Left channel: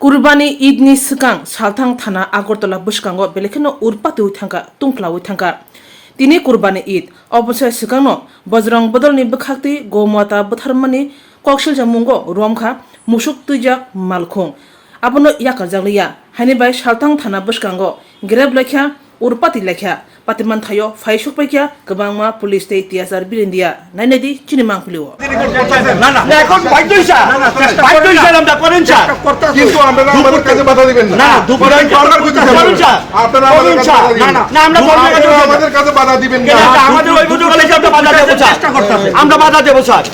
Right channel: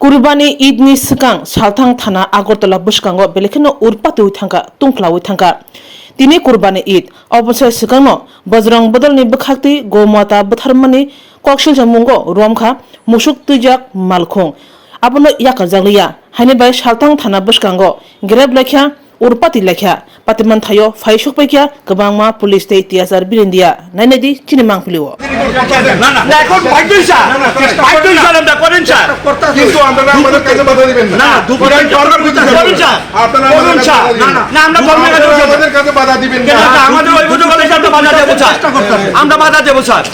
कुर्बानी ईदनि सिगां सालथां थाना आगरतला बुसकांगो बेलेखेनो उरपाती थांगा तुंख्लावै थांगा दिनै कुर्बानी ईद अबसर सिगांनो बजरं बदलनि बखाक्ति गौमाता बुथारमानि कक्सिल जमुंगो रुमखा मुसुक तुइजाक मालखुं आबनो याकाजागलिया हानिबाय सालथां थाना बुसकांगो ग्रेब लेख्या उरपाती लेख्या पातिमान थायो फाइसुक पैकिया गोबांमा पुलिस ते तियाजार बिरिन्दिया नायनायदि चिनिमां पुलिओ না এখন বাইতেইছা আমরা করেন স্যার কিন্তু আপনারা আমাদের কাছে বাধা দিবেন না দুপুরে সরকার করেন স্যার আপনারা আমাদের আমাদের কাছে বাধা দিবেন না আমাদের ওই বুঝো কলেজে আমরা বাধা দেব চেষ্টা করতেছি আমরা বাধা দেব স্যার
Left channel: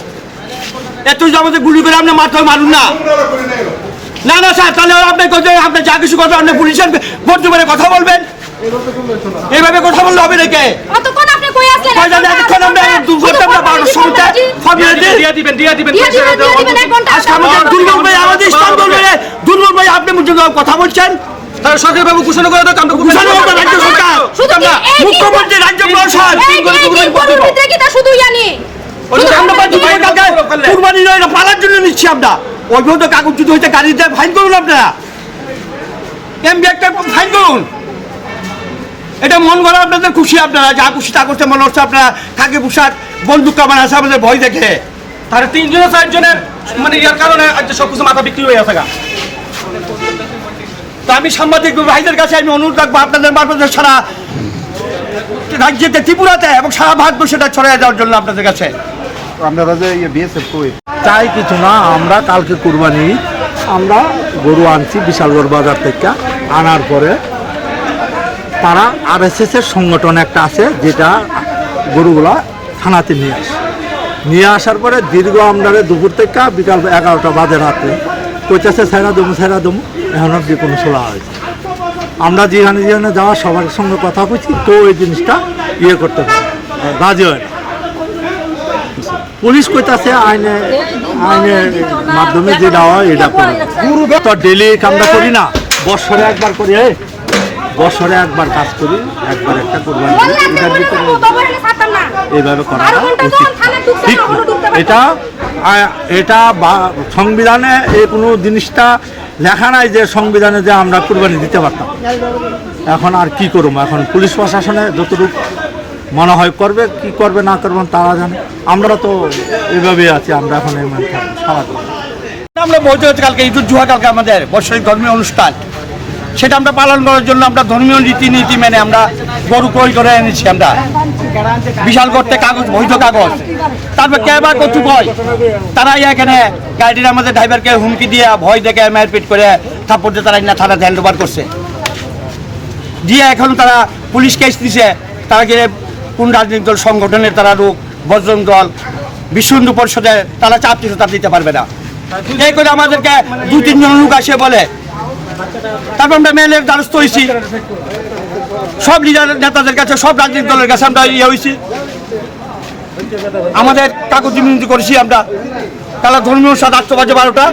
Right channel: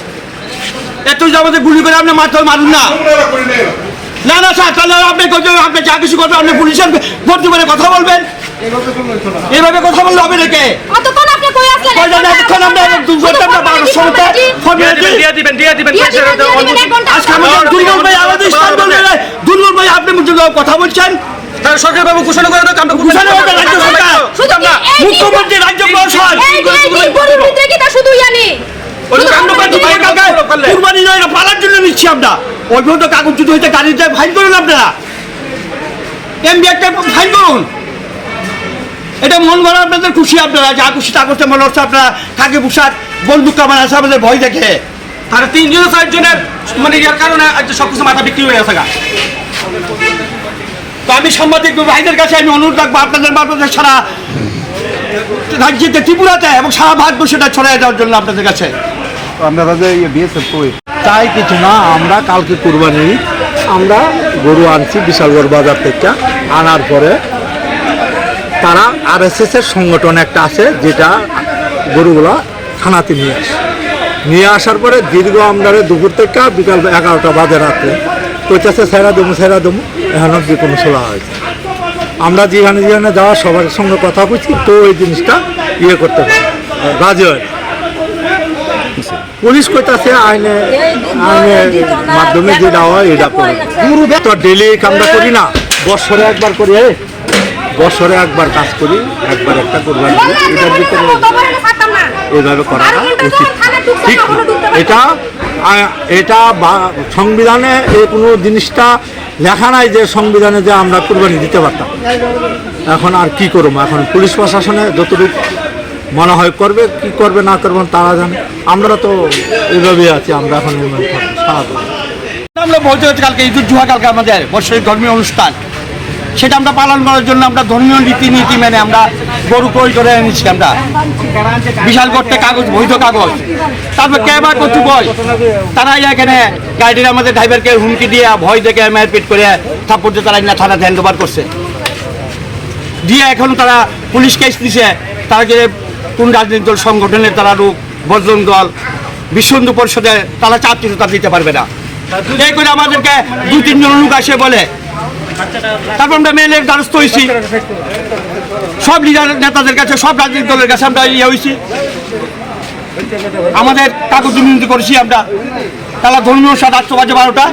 এত যে আমাদের গুলি করে আপনি মাথায় মারুন না না না স্যার তাহলে আপনি যা কিছু করবেন আপনি পুলিশের ভর্তি করে কথা বলবেন এইভাবে কথা বললে হবে নাকি কতক্ষণ আপনি কই আসলেন কতক্ষণ আমরা 2 ঘন্টা আমরা 12 সময় ফর্মুলা দিয়ে দিবেন এক ঘন্টা আজকে আমাদের দুর্বল ভাই আমাদের স্থান বলবে দুর্বল ভাই আপনি মুঝে কথা বলছেন তার সরকার বাবু ঘোষণা করে দাও আমরা ঘোষণা করে রাজ্য সরকার মুখ্যমন্ত্রী রাজ্য প্রশাসন এই কি তা শুধু জানি আমরা কুরবানি নয় পালার জন্য নিচ্ছি আমরা ওই পর্যন্ত কাগজ যদি হইতে গাড়িতে ফাইন করুন আপনারা এমবি একটা ফাইন করুন এটা মন করা আপনাদের খুশি আপনারা যা খুশি তা করতে মনে হচ্ছে আপনারা কাকে পোশাক বন্দুক কামান আছে আমাদের ভয় দেখে তাহলে 3 জন 4 জনের মানে এর কারণে সবকিছু মাথা বিক্রি হয়ে আছে তো আমি সাংবাদিক ভাইদের কাছে আমি অনুরোধ রাখবো আপনাদের মাধ্যমে সারা রাজ্যেতে ত্রিপুরাতে এবং সারা ভারতবর্ষটা ছড়িয়ে যাওয়ার জন্য আপনাদের কাছে আমরা বিএসএফ কই তাই কিছু না আমরা কালকে কুরবানি আমরা গরু আনছি বিশালগড় বাজার থেকে আনার পরে তারা আরএসএস এর সংগঠন একটা আছে যেটা গরুগুলা থানাতে নিয়ে আসার পরে দীর্ঘ আমদারে দুপুর থেকে বিকাল 11টা বাজে রাতে কইতেছে ছেড়া দমু এখন যে কোনো সোলা হয়েছে আমরা যেখানে যাওয়া সবার সঙ্গে কথা বলছি তো এই জিনিসটা ইয়ে করতে হবে রাজি হয় না পুলিশ কইতাছে আইনের মাধ্যমে যে দেওয়া এটা করবে তো ডেলি আমরা করি না বছরে একবার করি বছরে একবার কাজ করি একবার একটা কোরবানি করি এটার ভিতরে এইভাবে করাটা উচিত ঠিক এটা সংবিধানে এই কোনো জিনিসটা লেখা নাই যে সংবিধানে যে আমরা কোরবানি দিতে পারতাম এখন আর কি করবো এখন পুলিশ প্রশাসনে যতটুকু মনে হয় করবে কি করবে না করবেন তারা জানে আমরা তো এইভাবেই আছি আমরা এখন সারা আমরা বলতে হচ্ছে কালকে ঈদুল জুহা কালকে আমাদের বৎসরিক ধর্মীয় অনুষ্ঠান সেটা আমরা পালন করার জন্য আমরা ধর্মীয় রীতিনীতি মেনে আমরা গরু ক্রয় করে এনেছি আমরা বিশাল করতে কাগজ বৈধ কাগজ তারপর কে বা কচু কয় তারা এখানে গাড়ির আমাদের ড্রাইভারকে হুমকি দিয়ে ভয় দেখে মারপিট করে থাপ্পড় দিয়ে তারা না থানাতে হ্যান্ড ওভার করছে দিয়ে এখন তারা পুলিশ কেস দিছে তারা যে কোন রাজনৈতিক দল সংগঠনের তারা লোক বজরং দল বিশ্ব হিন্দু পরিষদে তারা চাপ দিতে তা দিতে পারবে না এই করে আমাদেরকে 2-3 জন লোক আসে বলে তারপর আমরা মেলের দ্বারস্থ হয়েছি সব লিডার নেতাদের কাছে সব রাজনৈতিক দলের কাছে আমরা ইয়ে হয়েছি আমাদের কাগজ বিনতি করেছি আমরা তারা ধর্মীয় সাত 8 বাজে 12টা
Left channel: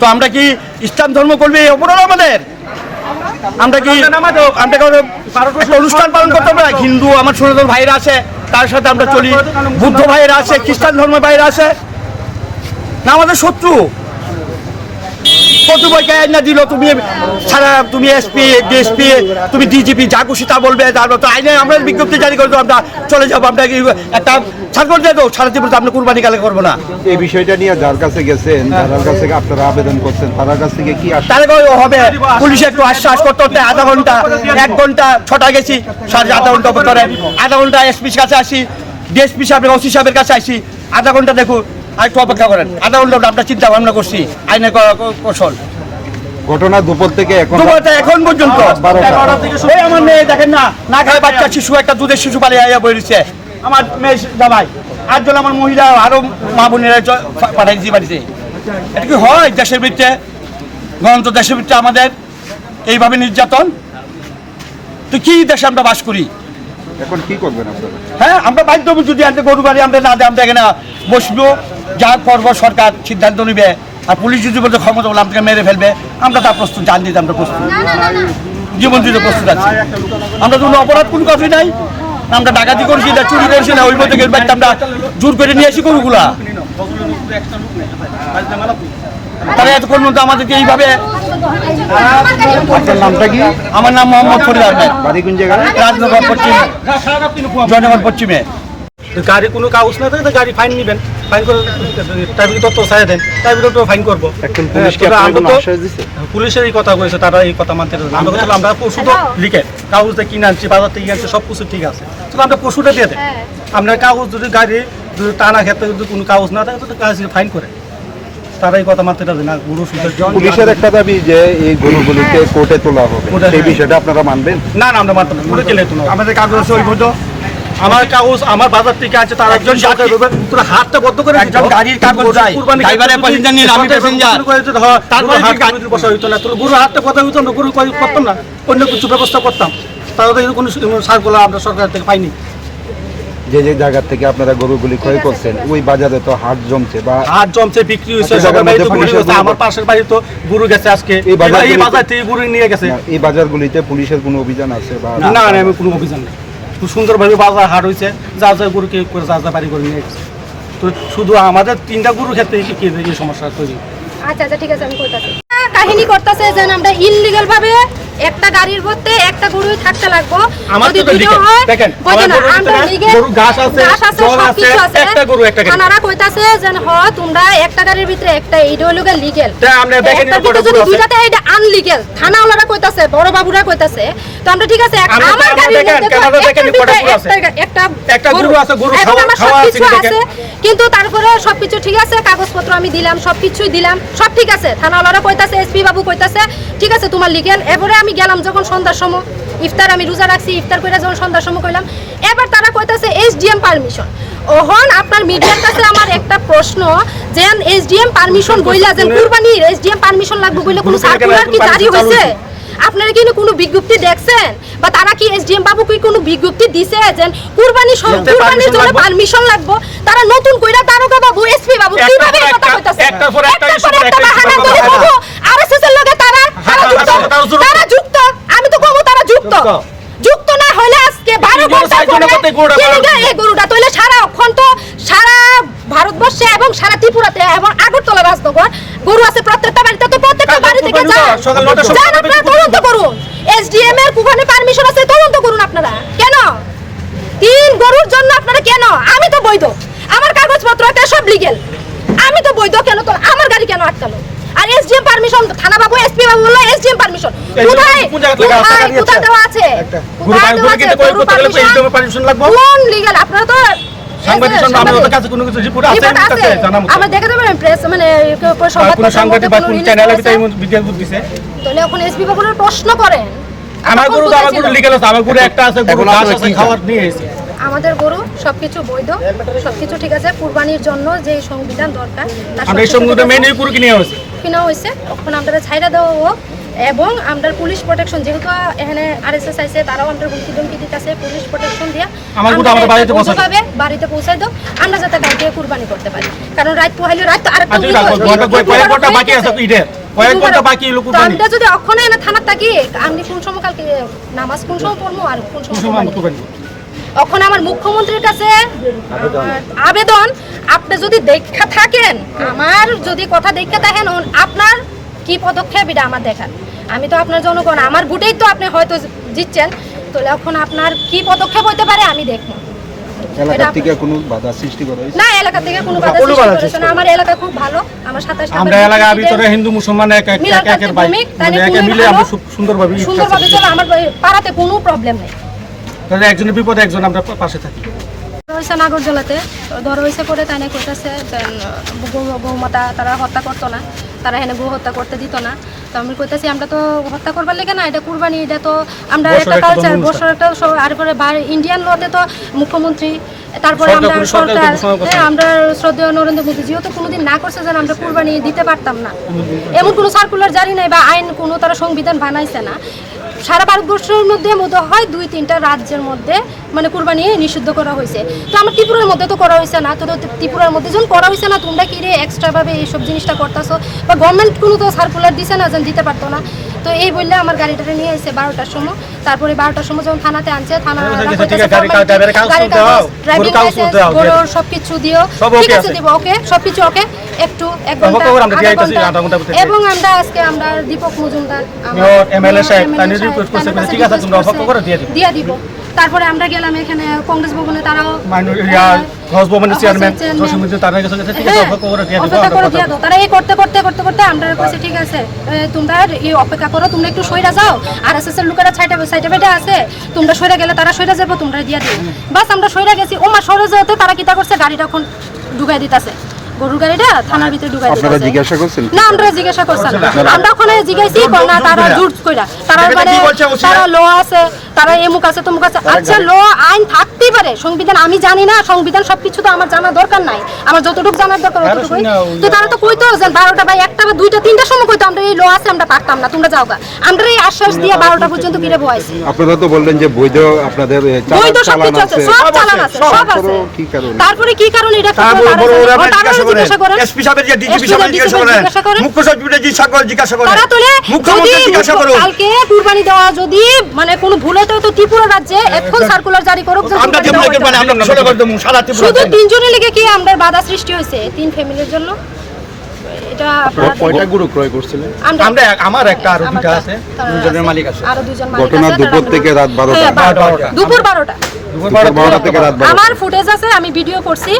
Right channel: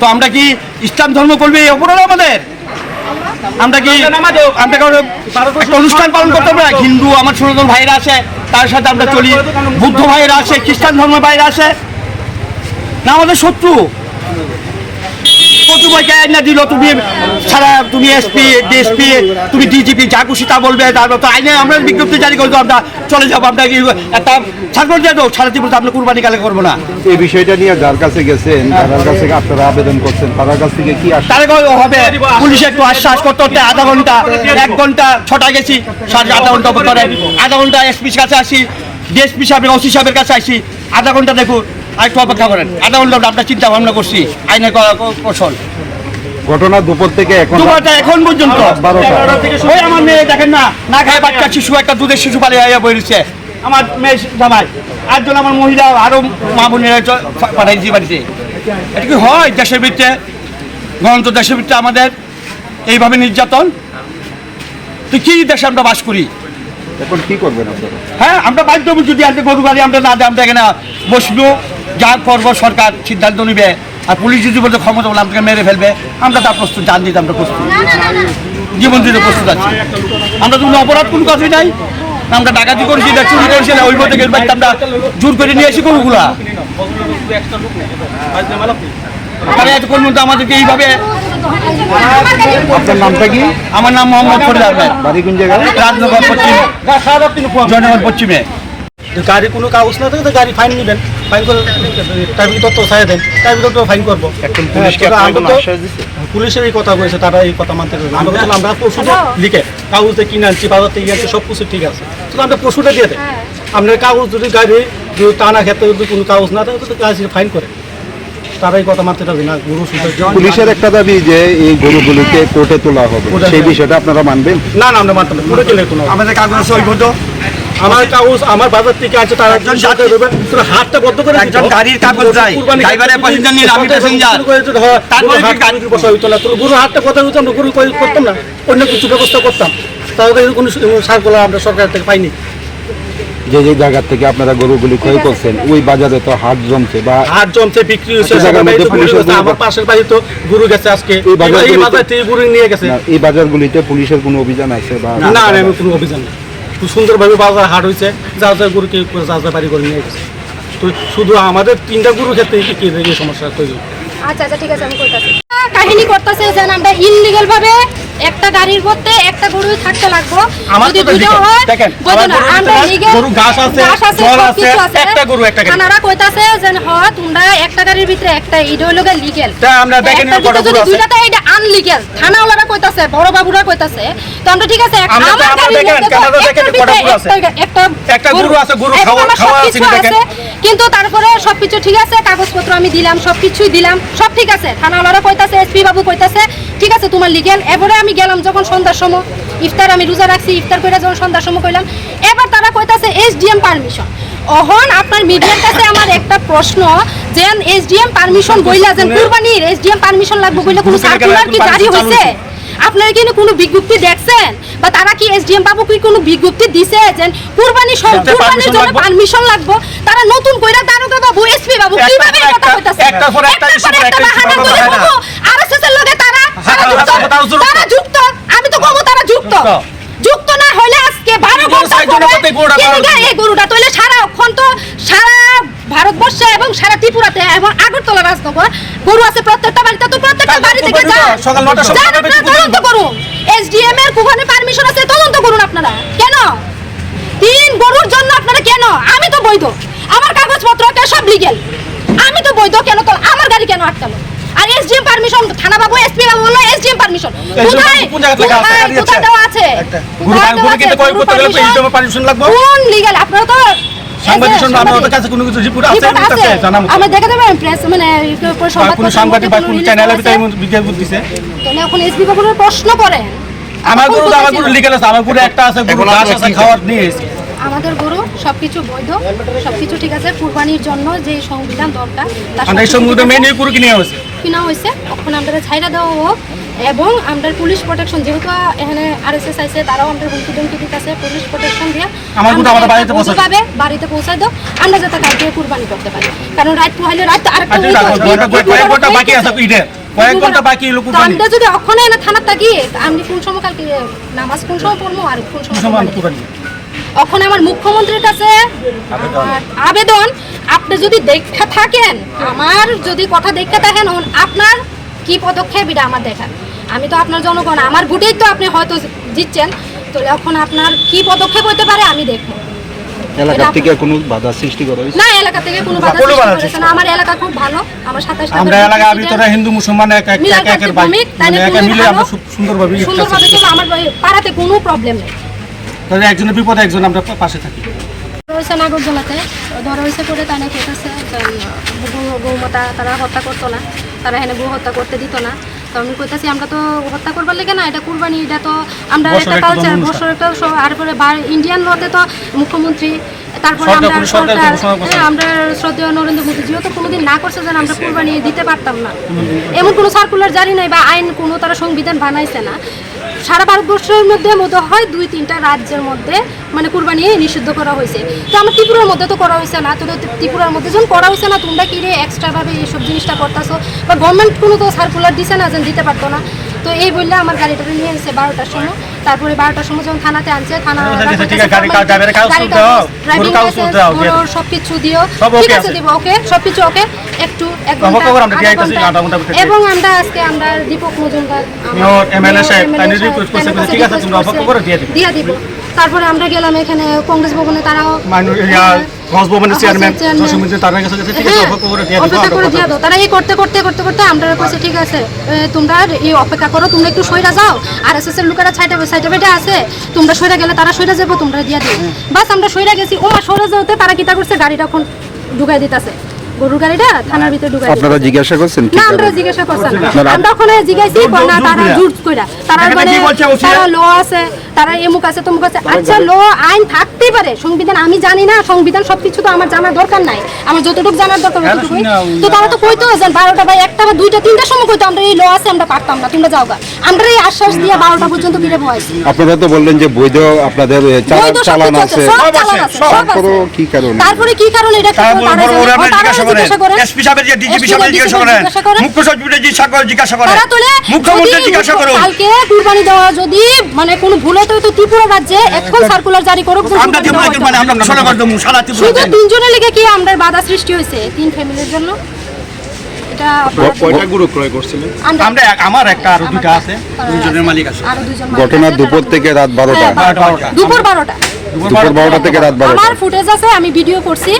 তো আমরা কি ইসলাম ধর্ম করবে এই অপরাধ আমাদের আমরা কি একটা অনুষ্ঠান পালন করতে আমরা হিন্দু আমার সনাতন ভাইরা আছে তার সাথে আমরা চলি বুদ্ধ ভাইরা আছে খ্রিস্টান ধর্মের ভাইরা আছে না আমাদের শত্রু কত বই কে না দিল তুমি সারা তুমি এসপি ডিএসপি তুমি ডিজিপি যা খুশি তা বলবে তারপর তো আইনে আমরা বিজ্ঞপ্তি জারি করবো আমরা চলে যাবো আমরা একটা ছাড় দিয়ে দেবো সারা জীবন আমরা কুরবানি কালে করবো না এই বিষয়টা নিয়ে যার কাছে গেছেন তার কাছে আপনারা আবেদন করছেন তার কাছ থেকে কি তাহলে হবে পুলিশ একটু আশ্বাস করতে হতে আধা ঘন্টা 1 ঘন্টা 6টা গেছি 8.5 ঘন্টা পরে আধা ঘন্টা এসপির কাছে আসি ডিএসপি সাহেবের ওসি সাহেবের কাছে আসি আধা ঘন্টা দেখুন আর একটু অপেক্ষা করেন আধা ঘন্টা আমরা চিন্তা ভাবনা করছি আইনের কৌশল ঘটনা দুপুর থেকে এখন পর্যন্ত ওই আমার মেয়ে দেখেন না খায় বাচ্চা শিশু একটা দুধের শিশু পালিয়ে বলেছে আমার মেয়ে জামাই 8 জন আমার মহিলা আরো মা বোনেরা পাঠাইছি বাড়িতে এটা কি হয় দেশের ভিত্তিতে গণতন্ত্র দেশের ভিত্তিতে আমাদের এইভাবে নির্যাতন তো কি দেশে আমরা বাস করি এখন কি করবেন আপনারা হ্যাঁ আমরা বাধ্য যদি আজকে গরু গাড়ি আমরা না দেয় আমরা এখানে বসবো যা করবো সরকার সিদ্ধান্ত নিবে আর পুলিশ যদি বলতে ক্ষমতা বলে আমাকে মেরে ফেলবে আমরা তার প্রস্তুত জান দিতে আমরা প্রস্তুত জীবন দিতে প্রস্তুত আছি আমরা তো কোনো অপরাধ কোনো কথাই নাই আমরা ডাকাতি করছি না চুরি করছি না ওই থেকে আমরা জোর করে নিয়ে আসি গরুগুলা তারা এতক্ষণ মধ্যে আমাদেরকে এইভাবে। আপনার নামটা কি? আমার নাম মোহাম্মদ ফরিদ আহমেদ, বাড়ি কোন জায়গায়? রাজনগর পশ্চিম, জয়নগর পশ্চিমে। গাড়ি কোনো কাগজ না থাকে তো গাড়ি ফাইন নেবেন, ফাইন করে ট্রাফিক তথ্য চাই দেন, ট্রাফিক তথ্য ফাইন করবো। এখন পুলিশকে আমরা আপনাকে তো আশ্বাস দিছে? পুলিশের এই কথা বলেছে, তারা এই কথা মানতে চায় না। আমরা কথা আমরা পশুটা লিখে কাগজে কিনে আনছি, বাজার থেকে আনছি, সব কিছু ঠিক আছে, তো আমরা পশুটা দিয়ে দেয়। আমরা কাগজ যদি গাড়ি যদি টানা ক্ষেত্রে যদি কোনো কাগজ না থাকে তো গাড়ি ফাইন করে, তারা এই কথা মানতে চাবে না। গরু পুলিশের একটা দাবি যে এই গরুগুলিকে কোর্টে তোলা হবে, কোর্টে, সেই হ্যাঁ। বিষয়টা আপনারা মানবেন? না আমরা মানতাম না, পুরো গেলে কোনো আমাদের কাগজ সইবদ্ধ, আমার কাগজ আমার বাজার থেকে আছে, তারা একজন সরকার দেবেন, পুরো হাতটা বদ্ধ করে একজন গাড়ির কাগজ চাই, ড্রাইভারের প্যাসেঞ্জার নিয়ে আমি প্যাসেঞ্জার, তারপরে হাত বসা হইতো না, গরু হাতটা কথা হইতো, আমরা গরু করতাম না, অন্য কিছু ব্যবস্থা করতাম, তাহলে কোনো সারগুলো আমরা সরকার থেকে পাইনি। যে যে জায়গা থেকে আপনারা গরুগুলি ক্রয় করছেন ওই বাজারে তো হাট জমছে বা হাত জমছে, বিক্রি হয়েছে, একটা জায়গার সবার বাড়িতে মধ্যে গরু পুলিশের গেছে, গরু আমার পাশের বাড়ি তো গরু গেছে আজকে, এই বাজারগুলিতে- এই বাজার থেকে গরু নিয়ে গেছে। না, এই বাজারগুলিতে পুলিশের কোনো অভিযান আছে বা না আমি কোনো অভিযান নেই, খুব সুন্দরভাবে বাজার হাট হয়েছে, যা যা গরু কেউ যা যা বাড়ি করে নিয়ে গেছে। তো শুধু আমাদের 3টা গরুর ক্ষেত্রে এই সমস্যা তৈরি। আচ্ছা ঠিক আছে, আমি কইতাছি। কাহিনী করতেছে যে আমরা ইললিগাল ভাবে একটা গাড়ির মধ্যে একটা গরু থাকতে লাগবো, আমার যদি তো দুইটা দেখেন, হয় দেখেন, বুঝো আমার না, গরুর আমরা ভিতরে লিগেল গরু ঘাস আছে, জল আছে, সবকিছু আছে, একটা গরু একটা গাড়ি। থানারা কইতাছে যে তোমরা একটা গাড়ির ভিতরে একটা ইডিওলজি লিগেল, তা আমরা দেখেন একটা ভিতরে যদি দুইটাতে এটা আনলিগেল, থানাওয়ালারা কইতাছে, বড় বাবুরা কইতাছে, তো আমরা ঠিক আছে আমরা আমার তো গাড়ির দেখেন, মধ্যে তো কানাডা দেখেন, একটার ভিতরে কটা গরু আছে। একটা গরু আছে, গরু এবং খাওয়া- আমার খাওয়া আছে, সবকিছু দেখেন। আছে, কিন্তু তারপরে সবকিছু ঠিক আছে, কাগজপত্র আমি দিলাম, সবকিছুই দিলাম, সব ঠিক আছে, থানাওয়ালারা কইতাছে, এসপি বাবু কইতাছে ঠিক আছে তোমার লিগেল। এবারে আমি গেলাম যখন সন্ধ্যার সময়, ইফতার আমি রোজা রাখছি, ইফতার করে যখন সন্ধ্যার সময় কইলাম, এবার তারা কইতাছে এসডিএম পারমিশন। ওহন আপনার মিডিয়ার কাছে আমার একটা প্রশ্ন, যে এসডিএম পারমিশন বইলা যে কুরবানির এসডিএম পারমিশন লাগবে বইলে কোনো সার্কুলার কি জারি হইছে? আপনারা কি কোনো বিজ্ঞপ্তি দেখছেন, বা তারা কি এসডিএম বাবু কি কোনো বিজ্ঞপ্তি দিছে যে কুরবানির জন্য পারমিশন লাগবে? তারা নতুন কইরা দারোগা বাবু, এসপি বাবু কিভাবে এই কথা কইতাছে? একটার পর একটা বাহানা করে বলবো আরএসএস এর লগে তারা যুক্ত। আমি তো কমো তারা যুক্ত না হইলে আজকে 12 ঘন্টা এই গরুটা তইলে সারা ভারতবর্ষে এবং সারা ত্রিপুরাতে এবং আগরতলা রাজনগর গরু আছে, প্রত্যেকটা বাড়িতে, তো প্রত্যেকটা বাড়ি থেকে সকাল 9টার সময় যান আপনারা তদন্ত করুন, এসডিএম এর কুভানে পারমিশন আছে, তদন্ত করুন আপনারা। কেন 3 গরুর জন্য আপনারা কেন? আমি তো বৈধ, আমার কাগজপত্র একটা সব লিগেল, আমি তো বৈধ, কেন তো আমার গাড়ি কেন আটকালো? আর এসডিএম পারমিশন, থানা বাবু এসপি বাবু বললো এসডিএম পারমিশন কোথায় দেওয়া আছে? কোথায় দেওয়া আছে? গরু পারমিশন লাগবে। কোন লিগ্যাল? আপনারা তো আমাদের কাছে কোনো কিছু রিপোর্ট আছে, রিপোর্ট আছে, আমরা দেখে দেবেন প্রেস মানে কোনো সাংবাদিক বা কোনো চ্যানেলে ভিডিও দিছে। তাহলে এখন এসপি বাবুর প্রশ্ন করেন। আমার গরু লিগ্যাল আছে, আমার গরু একটা আছে, গরু ঘাস আছে, খাওয়ার নিয়ে এসেছে। আমাদের গরু সবকিছু বৈধ, সবকিছু ঠিক আছে, কুরবানির জন্য যে সংবিধান দরকার তার আমরা এই সঙ্গে মেনে গরু কিনে হয়েছে। কিনা হয়েছে, তখন আমরা ছাইরা দেওয়া হোক, এবং আমরা পুলিশ প্রোটেকশন, যেহেতু এখানে আরএসএস আইছে, তারাও আমরা হুমকি টুমকি দিতেছে, পুলিশ প্রোটেকশন দিয়ে আমার গরু আমাদের বাড়িতে পৌঁছায়। বাড়িতে পৌঁছায় দাও, আমরা যাতে কালকে কুরবানি করতে পারি। কারণ রাত পোহাইলে রাত তো আরেকটা কয়েক ঘন্টা বাকি আছে ঈদের, কয়েক ঘন্টা বাকি লোক তো আমরা যদি অক্ষণে না থানার থাকি, আমি কোন সময় কালকে নামাজ কোন সময় পড়বো আর কোন সময় কুরবানি? এখন আমার মুখ্যমন্ত্রীর কাছে আবেদন, আপনি যদি দেখা থাকেন, আমার যদি কথা দেখতে থাকেন, আপনার কি পদক্ষেপ এটা আমার দেখার। আমি তো আপনার জনগণ, আমার ভোটেই তো আপনি হয়তো জিতছেন, তো এখন আপনার কি পদক্ষেপ হইতে পারে আমি দেখবো। এলাকা থেকে কোনো বাধা সৃষ্টি করা হয়েছে? না, এলাকা থেকে কোনো বাধা সৃষ্টি করেছে না, আমার এলাকা খুব ভালো, আমার 27 আমরা এলাকার ভিতরে হিন্দু মুসলমান একের ভাই, মিলে আমরা সুন্দরভাবে চলো, আমার পাড়াতে কোনো প্রবলেম নেই। তাহলে একজনের বিপদে একজন আমরা পাশে থাকি। রয়েছে নাগরজলাতে ধরা হয়েছে পরে, তাই না কইতেছে গৌমাতা তারা হত্যা করতো না, তারা এখানে গো হত্যা করতে দিত না। তো আমি কইতেছি আমরা তো হত্যা করবার লেগে না, এটা কুরবানি, এটা তো আমরা একটা কালচার, বছর একটা। আর পরে ইন্ডিয়ান লতে তো মুখ্যমন্ত্রী, তারপরে আমরা সরকার, হ্যাঁ আমরা শ্রদ্ধেয় নরেন্দ্র মোদীজিও তো কোনোদিন না করছে যেন আমরা কুরবানি দিতে পারতাম না, এমন কোনো সার্কুলার জারি নাই বা আইন কোনো তারা সংবিধান বানাইছে না। সারা ভারতবর্ষের মধ্যে হয় 2-3টা রাজ্যের মধ্যে মানে কুরবানি নিষিদ্ধ করা হয়েছে। তো আমার ত্রিপুরার মধ্যে তো করা হয়েছে না, তো ত্রিপুরার মধ্যে যখন করা হয়েছে না, তোমরা কি রে এক্সট্রাভাবে এইসব জিনিসটা করতেছো, বা গভর্নমেন্ট কোনো তো সার্কুলার দিছে না যেন দিতে পারতো না। তো এই বললে আমার গাড়িটা নিয়ে এসে 12টার সময়, তারপরে 12টার সময় যখন থানাতে আনছে, থানা ঠিক আছে, ড্রাইভারের কাগজ তুলতে দাও, ড্রাইভিং কাগজ তুলতে দাও, লাইসেন্স সবকিছু দিও, সব ঠিক okay আছে আছে। দিব, ওকে সবকিছু ওকে, একটু 1 ঘন্টা খবর আমরা দিয়ে আধা আইতাছি, ঘন্টা। আধা ঘন্টার ভিতরে। এবং আমরা আজকে আমরা দীপক মজুমদার MLA সাহেব, MLA তানি সাহেব, request করছে, তাদের কাছে ঠিক আছে, request তোমরা করছে, খবর দিয়ে দিবো। দিয়ে দিব। তারপরে আমরা গেলাম এখানে কংগ্রেস ভবনে, তারাও ঘোষ ভবনের চেয়ারম্যান চেয়ারম্যান। জসীমউদ্দিন তার কাছে গেছে, ঠিক আছে, হ্যাঁ, খবর দিয়ে অপেক্ষা করে দিয়ে দিবো। দাও। তারা এই করতে করতে আমরা কইছে ঠিক আছে, তোমরা এই অপেক্ষা করো, তোমরা একটু সইরা যাও, আর এসএস এর লোকেরা সাইডে বেডে আছে, তোমরা সইরা গেলে তারা সইরা যাবো, তোমরা দিয়ে দিও। বাস আমরা সইরা গেছি, ওমা সইরা যাওয়াতে তারা কিটা করছে, গাড়িটা এখন ঢুকাই দিতেছে, গরুর গাড়িটা থানার ভিতরে ঢুকাই দিতেছে। আপনারা জিজ্ঞাসা করছেন না, আমরা জিজ্ঞাসা করছি না, আমরা ওখানে জিজ্ঞাসি কই না, তারা জুট কইরা, তারা এখানে মানে কি বলছে ওসি? তারা ল আছে, তারা এমুক আছে তমুক আছে। আচ্ছা, ল আইন থাকতেই পারে, সংবিধান আমি জানি না, সংবিধান সবকিছু তো আমার জানার দরকার নাই, আমার যতটুকু জানার দরকার ততটুকুই। তো তারা তো কইতো যে 12টা বা 1টা বা 2টা 3টার সময় কইতো আমরা এই ল আছে, আমরা পারতাম না, তোমরা যাও গা। আমরা এই আশ্বাস দিয়ে 12টা পর্যন্ত কিরে বয়স আপনারা তো বললেন যে বৈধ আপনাদের বৈধ চালান সবকিছু আছে, আছে, সব চালান আছে, সব আছে। তারপরেও কি কারণে? তারপরে কি কারণ এটা কি তারা জিজ্ঞাসা করেন, এসপি সাহেবের যে ডিজিপি SP সাহেবের জিজ্ঞাসা করেন, জিজ্ঞাসা করেন। মুখ্য সচিবের জিজ্ঞাসা করেন, তারা তোলে যদি মুখ্যমন্ত্রী জিজ্ঞাসা করুন। কালকে কুরবানি দেওয়া যদি মানে কোনো ভুল হতো, তো ত্রিপুরা রাজ্যে এখন সার্কুলার জারি করুক যে আমরা কুরবানি দেওয়া হতো না। আমরা ছোট করে দেবো, সারা ত্রিপুরা শুধু দেন। 3 জনের লেগে কি আমরা বাধা সৃষ্টি হয়েছে 3 ফ্যামিলির জন্য? এটা আপনারা কয়টা গরু ক্রয় করছিলেন? আমরা আমার একটা আরো দুটো আছে, দুজনের মালিক আছে। আরো 2 জন মালিক ঘটনা আছে, দুপুর তারা- থেকে রাত 12টা। হ্যাঁ, 12টা। দুপুর 12টা। দুপুর 12টা থেকে রাত 12টা। আমার ফুটেজ আছে, আমি ভিডিও করছি,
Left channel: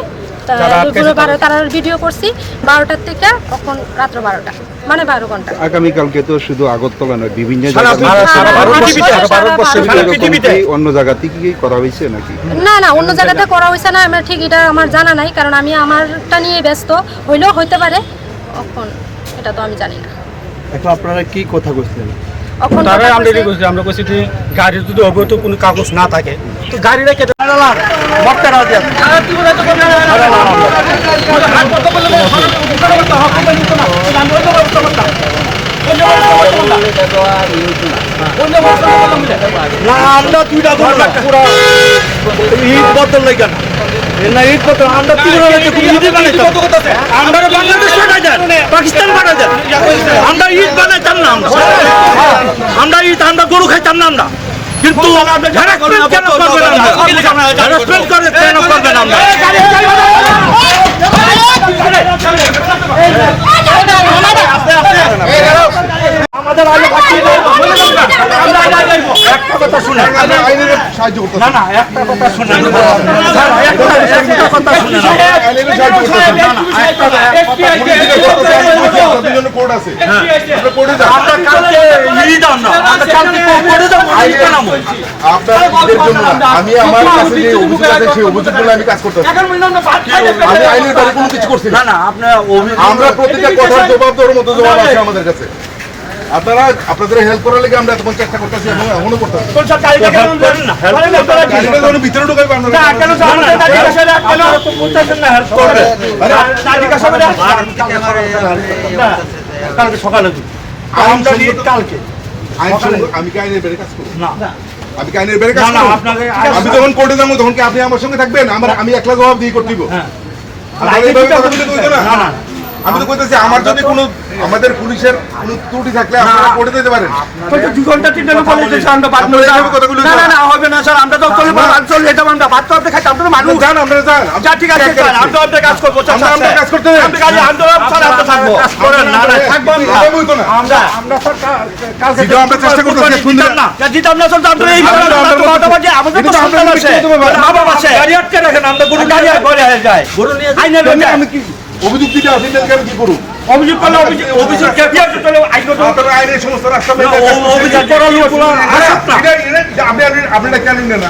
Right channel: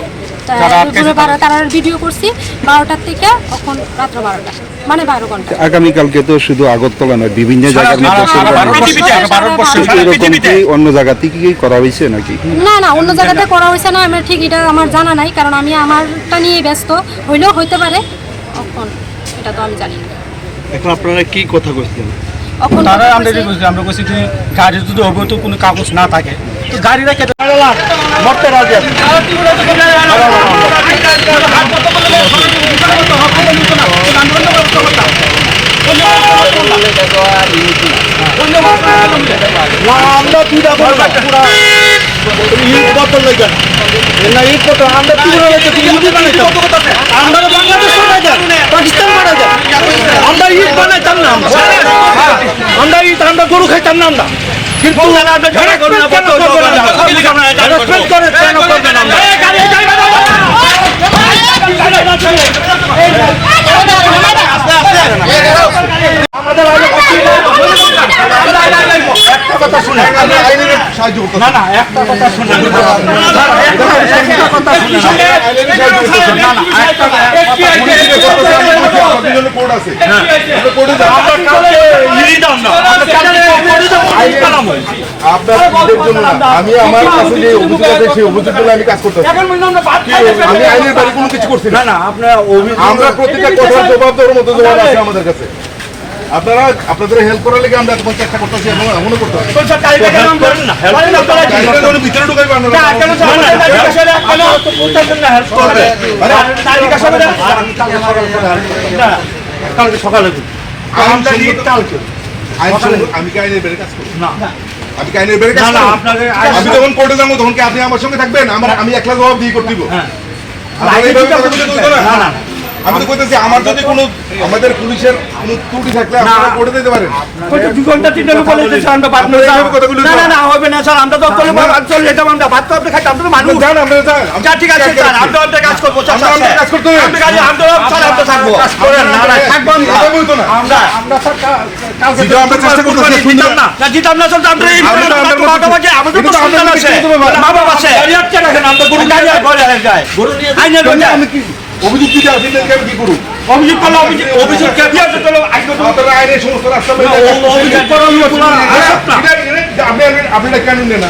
দুপুর 12 তার ভিডিও করছি 12টার থেকে এখন রাত্র 12টা, মানে 12 ঘন্টা। আগামীকালকে তো শুধু আগরতলা নয়, বিভিন্ন জায়গায় পৃথিবীতে অন্য জায়গাতে কি করা হয়েছে নাকি? না না, অন্য জায়গাতে করা হয়েছে না, আমার ঠিক এটা আমার জানা নাই, কারণ আমি আমারটা নিয়ে ব্যস্ত, হইলেও হইতে পারে, এখন এটা তো আমি জানি না। এখন আপনারা কি কথা বলছেন? এখন তারা কথা আমরা কইছে- আমরা কইছি যে গাড়ির যদি অবৈধ কোনো কাগজ না থাকে তো গাড়িটা কেটে মরতে রাজি আছে। আমরা দুইটা করে পুরা ঈদ বদল লাগে না, ঈদ বদল আমরা ত্রিপুরা লাগে ঈদ বানাইতাম, আমরা বাংলাদেশ বানাই যান, পাকিস্তান বানাই যান, আমরা ঈদ বানাইতাম না, আমরা ঈদ আমরা গরু খাইতাম না, আমরা কিন্তু হ্যারাসমেন্ট কেন করবেন, হ্যারাসমেন্ট করে কেন করবেন আমরা? আমাদের আগে একটা কথা শুনে না না একটা কথা শুনে একটা কথা শুনে না না আমরা কালকে ঈদ আমরা কালকে করে দেবো আপনাদের জন্য না, আমি আমার কাছে যে অভিযোগ আছে সেই অভিযোগগুলো আমি কাজ করতে আমি আইনের বাইরে কোনো কিছু করছি না। না আপনার আমরা প্রতিটা কথার জবাব দেওয়ার মতো জবাব আছে আমাদের কাছে। আপনারা আপনাদের হেল্প করার লেগে আমরা তখন চেষ্টা করতেছি এবং এমনও করতেছি। গাড়িটা যখন ভিতরে ঢুকাইবে কালকে সকালে আমি কি আইনের বাইরে কাজ করবো? না আমি কি আইনের বাইরে কাজ না, না, করবো? আপনাদের আমি যখন কোর্টে যাবো তখন কি আপনি আমার সঙ্গে থাকবেন? আমি একলা জবাব দিয়ে করতে দিব। হ্যাঁ। আপনারা এইভাবে কথা বলতে কইবেন না? না না আমি তো কইতেছি আমার যদি কোনো আমাদের পুলিশের কোনো ত্রুটি থাকলে আপনারা কোর্টে দিতে পারেন। দুই ঘন্টা তিনটা লোক বলেছে আমরা বাদ আপনারা এইভাবে কথাগুলো না না না হবে না স্যার, আমরা তো চলে যেতাম, আমরা ভাত তো আপনি খাইতাম, আমরা মানুষ যান আপনারা যান। যা ঠিক আছে স্যার, আমরা আপনার কাজ করবো স্যার, আমরা আমাদের কাজ করতে হবে। আমরা স্যার আমরা থাকবো না না থাকবো না। কথা বলতো না। আমরা স্যার কালকে যেটা আমরা চেষ্টা করতেছি দিতাম না জিতাম না স্যার, আমরা এই বাজে আমাদের তো সন্তান আছে, মা বাবা আছে, গাড়ি আটকে রাখেন, আমরা গরু গাড়ি আর ঘরে যায়, গরু নিয়ে আইনে আমি কি অভিযোগ দিতে আসি না, আমি কি করব? অভিযোগ করলে অভিযোগ কে দিয়ে চলে আইনত আপনারা আইনের সমস্ত রাস্তা অভিযোগ করার লোক আপনি কেন নেন না?